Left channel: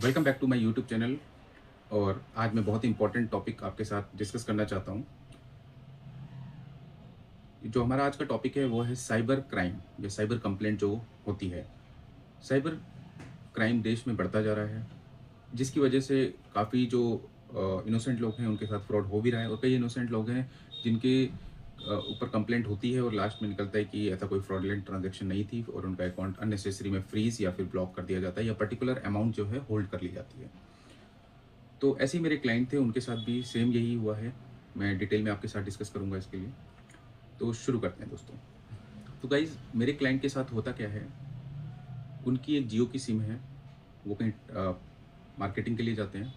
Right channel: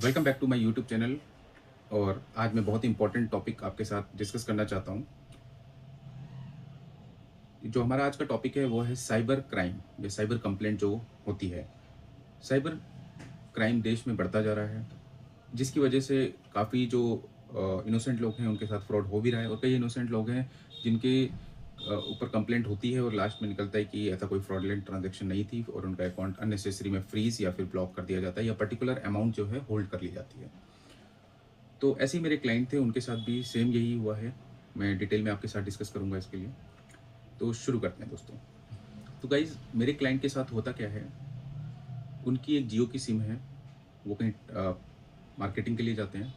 Welcome back to my YouTube channel. और आज मैं बहुत ही इंपॉर्टेंट टॉपिक आपके साथ डिस्कस करना चाहता हूँ। जो हमारा आज का टॉपिक है वो है साइबर क्राइम, ये साइबर कंप्लेंट जो होती है। साइबर क्राइम देश में बढ़ता जा रहा है, जिसकी वजह से काफ़ी जो इनोसेंट लोग हैं उनके साथ फ्रॉड हो भी रहा है, और कई इनोसेंट लोग हैं जिनके ऊपर कंप्लेंट होती है और लास्ट में निकलता है कि ऐसा कोई फ्रॉडलेंट ट्रांजैक्शन नहीं थी और उनका अकाउंट अननेसेसरी में फ्रीज या फिर ब्लॉक कर दिया जाता है, या पर्टिकुलर अमाउंट जो है होल्ड कर ली जाती है। तो ऐसे ही मेरे क्लाइंट थे, उनके साथ भी सेम यही हुआ है। मैं डिटेल में आपके साथ डिस्कस करूंगा इसके लिए। तो शुरू करते हैं दोस्तों। तो गाइज, मेरे क्लाइंट के साथ होता क्या है, उनकी एक जियो की सिम है। वो कहीं मार्केटिंग के लिए जाते हैं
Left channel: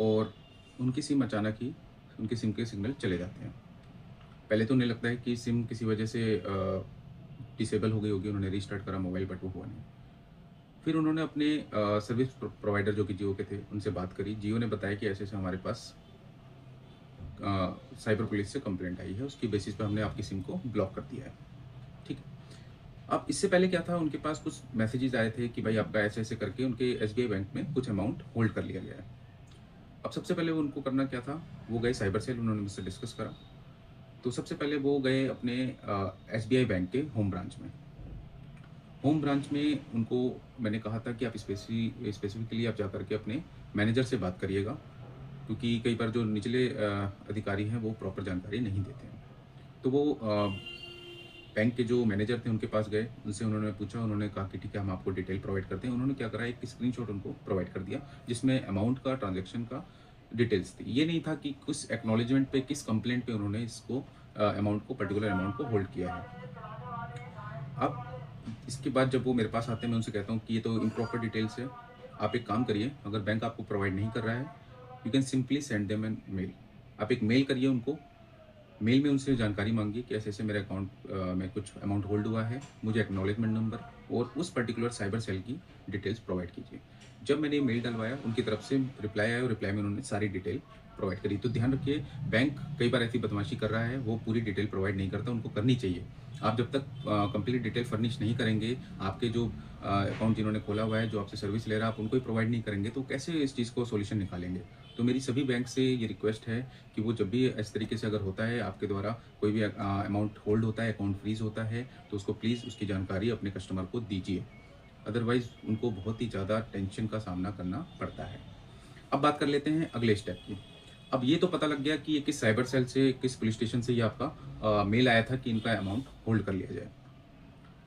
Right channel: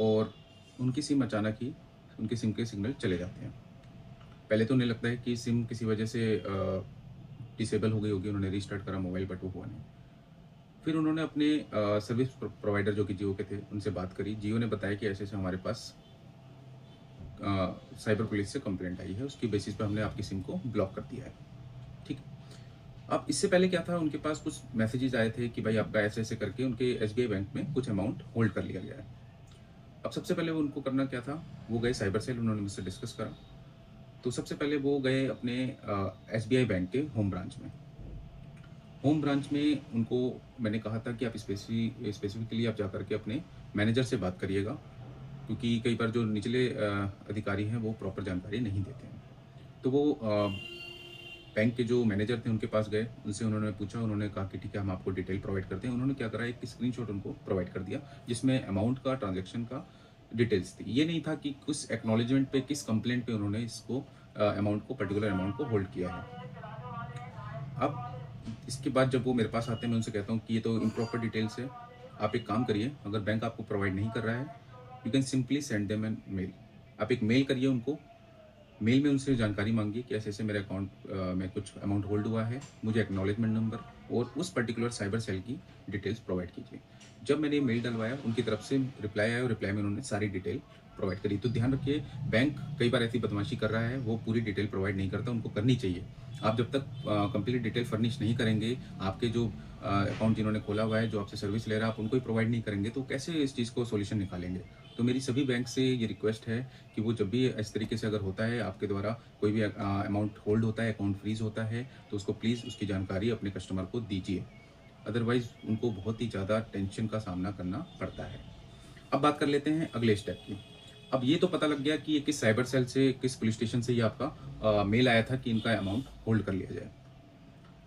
और उनकी सिम अचानक ही उनकी सिम के सिग्नल चले जाते हैं। पहले तो उन्हें लगता है कि सिम किसी वजह से डिसेबल हो गई होगी, उन्होंने रीस्टार्ट करा मोबाइल, बट वो हुआ नहीं। फिर उन्होंने अपने सर्विस प्रोवाइडर जो कि जियो के थे उनसे बात करी। जियो ने बताया कि ऐसे ऐसे हमारे पास साइबर पुलिस से कंप्लेंट आई है, उसकी बेसिस पे हमने आपकी सिम को ब्लॉक कर दिया है। ठीक। अब इससे पहले क्या था, उनके पास कुछ मैसेजेस आए थे कि भाई आपका ऐसे ऐसे करके उनके एसबीआई बैंक में कुछ अमाउंट होल्ड कर लिया गया है। अब सबसे पहले वो उनको करना क्या था, वो गए साइबर सेल, उन्होंने मुझसे डिस्कस करा। तो सबसे पहले वो गए अपने एसबीआई बैंक के होम ब्रांच में। होम ब्रांच में उनको मैंने कहा था कि आप स्पेसिफिकली आप जाकर के अपने मैनेजर से बात करिएगा, क्योंकि कई बार जो निचले अधिकारी हैं वो प्रॉपर जानकारी नहीं देते हैं। तो वो बैंक के जो मैनेजर थे उनके पास गए, उनसे उन्होंने पूछा, उन्होंने कहा कि ठीक है हम आपको डिटेल प्रोवाइड करते हैं। उन्होंने क्या करा, एक स्क्रीनशॉट उनको प्रोवाइड कर दिया जिसमें अमाउंट का, ट्रांजैक्शन का डिटेल्स थी। ये नहीं था कि किस एक्नॉलेजमेंट पे, किस कंप्लेंट पे उन्होंने इसको अमाउंट को, पर्टिकुलर अमाउंट को होल्ड किया है। अब इसके बाद जब वो मेरे पास आते हैं, मैं उनसे कहता हूँ कि ये तो इम्प्रॉपर डिटेल्स है। आप एक काम करिए, अगर बैंक आपको प्रोवाइड नहीं कर रहा है, you can simply send them an mail. आप एक मेल करिए उनको। मेल में उनसे जानकारी मांगिए कि ऐसे ऐसे मेरे अकाउंट में कुछ अमाउंट होल्ड हुआ है, मुझे एक्नॉलेजमेंट नंबर और उस पर्टिकुलर साइबर सेल की डिटेल्स प्रोवाइड कीजिए। जब मैंने मेल डलवाया, उनकी तरफ से रिप्लाई आया और रिप्लाई में उन्होंने सारी डिटेल प्रोवाइड करी। तो ध्यान रखिए, बैंक कई बार ऐसी बदमाशी कर रहा है, वो पूरी डिटेल प्रोवाइड नहीं करता, उनको करनी चाहिए। आप जब तक कंप्लीट डिटेल फर्निश नहीं करेंगे, आपके जो अकाउंट जिन्होंने खोला हुआ है, जो आपसे सर्विस ले रहा है, आप उनको ही प्रोवाइड नहीं करेंगे, तो कैसे इस चीज़ को सोल्यूशन निकालेंगे। तो मेरी सभी बैंक से ये रिक्वेस्ट है कि वो जब भी इस तरीके से अगर होता है, आपके द्वारा कोई भी अमाउंट होल्ड होता है, अकाउंट फ्रीज होता है, तो उसको प्लीज़ उसकी जानकारी अपने कस्टमर को दीजिए। अदरवाइज उनको बहुत ही ज़्यादा टेंशन का सामना करना पड़ता है। अब बात कर लेते हैं अगले स्टेप की। अब ये तो पता लग गया कि ये किस साइबर सेल से, किस पुलिस स्टेशन से ये आपका मेल आया था कि इनका अमाउंट होल्ड कर लिया जाए।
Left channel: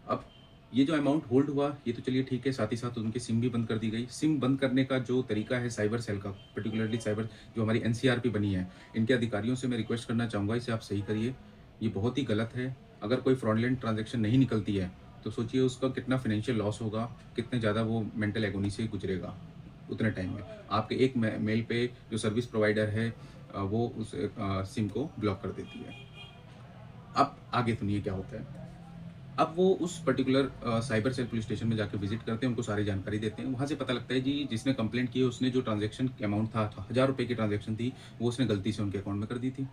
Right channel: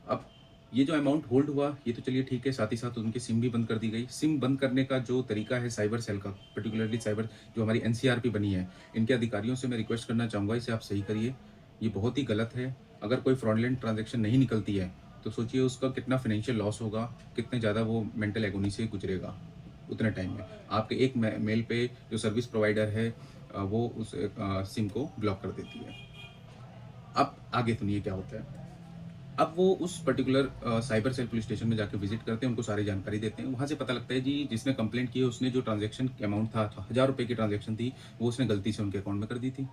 अब ये जो अमाउंट होल्ड हुआ, ये तो चलिए ठीक है, साथ ही साथ उनकी सिम भी बंद कर दी गई। सिम बंद करने का जो तरीका है साइबर सेल का, पर्टिकुलरली साइबर जो हमारी एनसीआरपी बनी है, इनके अधिकारियों से मैं रिक्वेस्ट करना चाहूँगा, इसे आप सही करिए। ये बहुत ही गलत है। अगर कोई फ्रॉडलेंट ट्रांजेक्शन नहीं निकलती है तो सोचिए उसका कितना फाइनेंशियल लॉस होगा, कितना ज़्यादा वो मेंटल एगोनी से गुजरेगा उतने टाइम में। आपके एक मेल पे जो सर्विस प्रोवाइडर है वो उस सिम को ब्लॉक कर देती है। अब आगे सुनिए क्या होता है। अब वो उस particular cyber cell police station में जाकर विजिट करते हैं, उनको सारी जानकारी देते हैं। वहाँ से पता लगता है जी, जिसने कंप्लेंट की है उसने जो ट्रांजैक्शन अमाउंट था, 1000 रुपये की ट्रांजैक्शन थी, वो उसने गलती से उनके अकाउंट में कर दी थी।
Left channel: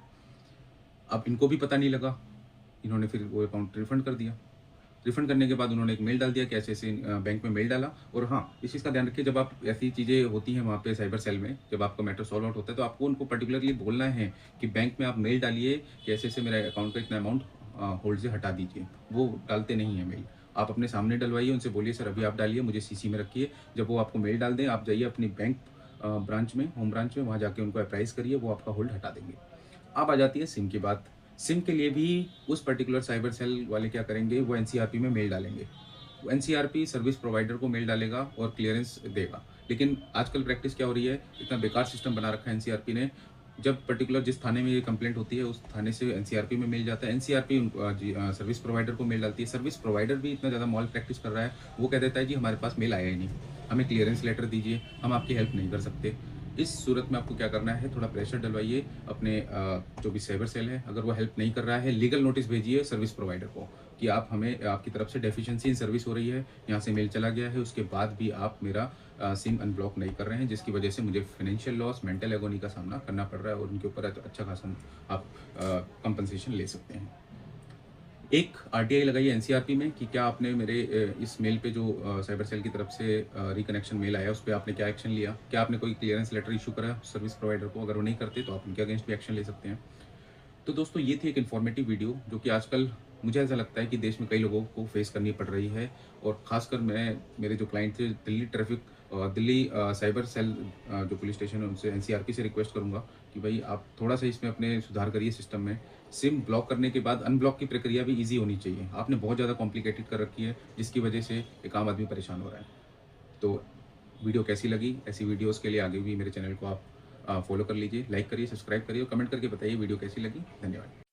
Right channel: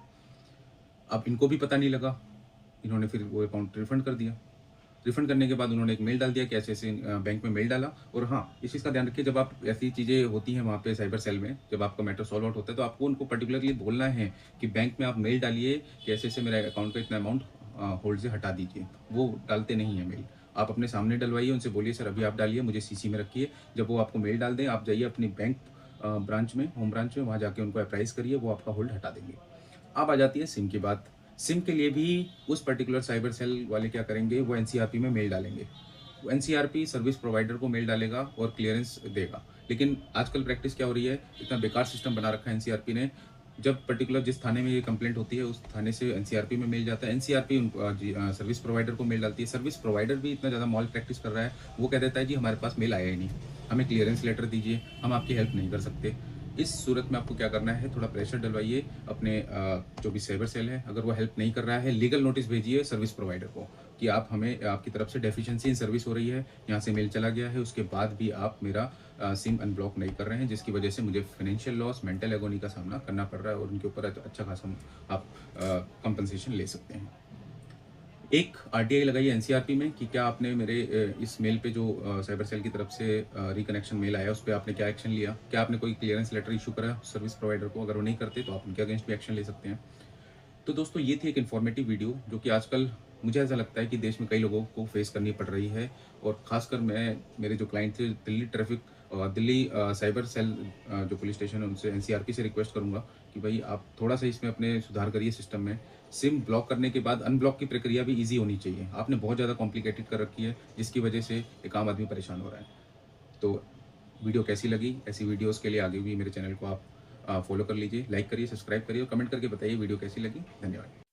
अब इनको भी पता नहीं लगा, इन्होंने फिर वो अकाउंट रिफंड कर दिया। रिफंड करने के बाद उन्होंने एक मेल डाल दिया कि ऐसे ऐसे बैंक में मेल डाला। और हाँ, इस चीज़ का ध्यान रखिए, जब आप ऐसी चीज़ें होती हैं वहाँ पे साइबर सेल में, जब आपका मैटर सॉल्व आउट होता है, तो आपको उनको पर्टिकुलरली बोलना है कि बैंक में आप मेल डालिए कि ऐसे ऐसे मेरे अकाउंट का इतना अमाउंट होल्ड से हटा दीजिए। वो डालते नहीं है मेल। आप अपने सामने डलवाइए, उनसे बोलिए सर अभी आप डालिए, मुझे सीसी में रखिए। जब वो आपको मेल डाल दें, आप जाइए अपनी बैंक ब्रांच में, होम ब्रांच में, वहाँ जाके उनको अप्राइज करिए, वो आपका होल्ड हटा देंगे। अब आ जाती है सिम की बात। सिम के लिए भी उस पर्टिकुलर साइबर सेल वाले क्या करेंगे, वो एनसीआरपी में मेल डालेंगे। वो एनसीआरपी सर्विस प्रोवाइडर को मेल डालेगा और क्लियरेंस देगा। लेकिन आजकल प्रैक्टिस क्या हो रही है, इतना बेकार सिस्टम बना रखा है एनसीआरपी ने। जब पर्टिकुलर जिस थाने में ये कंप्लेंट होती है, उस थाने से एनसीआरपी में मेल जाता है, एनसीआरपी सर्विस प्रोवाइडर को मेल डालती है। सर्विस प्रोवाइडर भी इतना ज़्यादा मॉल प्रैक्टिस कर रहा है, वो कह देता है जी हमारे पास मेल आया ही नहीं, हमें क्लियरेंस लेटर दीजिए, हम आपकी हेल्प नहीं कर सकते। इस सूरत में आपको क्या करना है, थोड़ा प्रेशर डलवाइए अपने जो भी साइबर सेल है। अगर वो हेल्प नहीं कर रहा है, लीगल नोटिस भेजिए सर्विस प्रोवाइडर को कि आप हमें, आपकी तरफ से डेफिशिएंसी इन सर्विस हो रही है, यहाँ से मेल चला गया है, उसके बाद भी आप मेरा सिम अनब्लॉक नहीं कर रहे हैं, जिसकी वजह से मुझे फाइनेंशियल लॉस, मेंटल एगोनी का सामना करना पड़ रहा है, और उनके ऊपर अच्छा खासा आप कंपनसेशन ले सकते हैं। एक आरटीआई लगाई एनसीआरपी में कि क्या आपने मेरे इस मेल पे जो साइबर सेल की तरफ से रिकनेक्शन मेल आया उस पर आपने क्या एक्शन लिया, क्या आपने कोई क्लियरेंस लेटर इशू करा सर्विस प्रोवाइडर को, अगर वो नहीं करते तो आप उनके अगेंस्ट भी एक्शन ले सकते हैं। तो दोस्तों ये थी एक इन्फॉर्मेटिव वीडियो जो कि आजकल मुझे ऐसा लगता है कि देश में कई लोगों को फेस करनी पड़ रही है, और खासकर मैं मेरे जो क्लाइंट थे Delhi traffic Delhi cyber cell जो पुलिस स्टेशन है उनसे एनसीआरपी से रिक्वेस्ट करूंगा कि भाई आप थोड़ा सा इसमें अपने सुधार करिए सिस्टम में। सिम ब्लॉक करने के बाद अनब्लॉक की प्रक्रिया भी ईजी होनी चाहिए, आपने बहुत ज़्यादा कॉम्प्लिकेटेड कर रखी है जिसकी वजह से एक आम आदमी परेशान हो रहा है। तो वीडियो कैसी लगी, ऐसी वीडियोस के लिए आगे भी मेरे चैनल को आप फॉलो कर लीजिए, लाइक करिए, सब्सक्राइब करिए और कमेंट करके बताइए वीडियो कैसी लगी। धन्यवाद।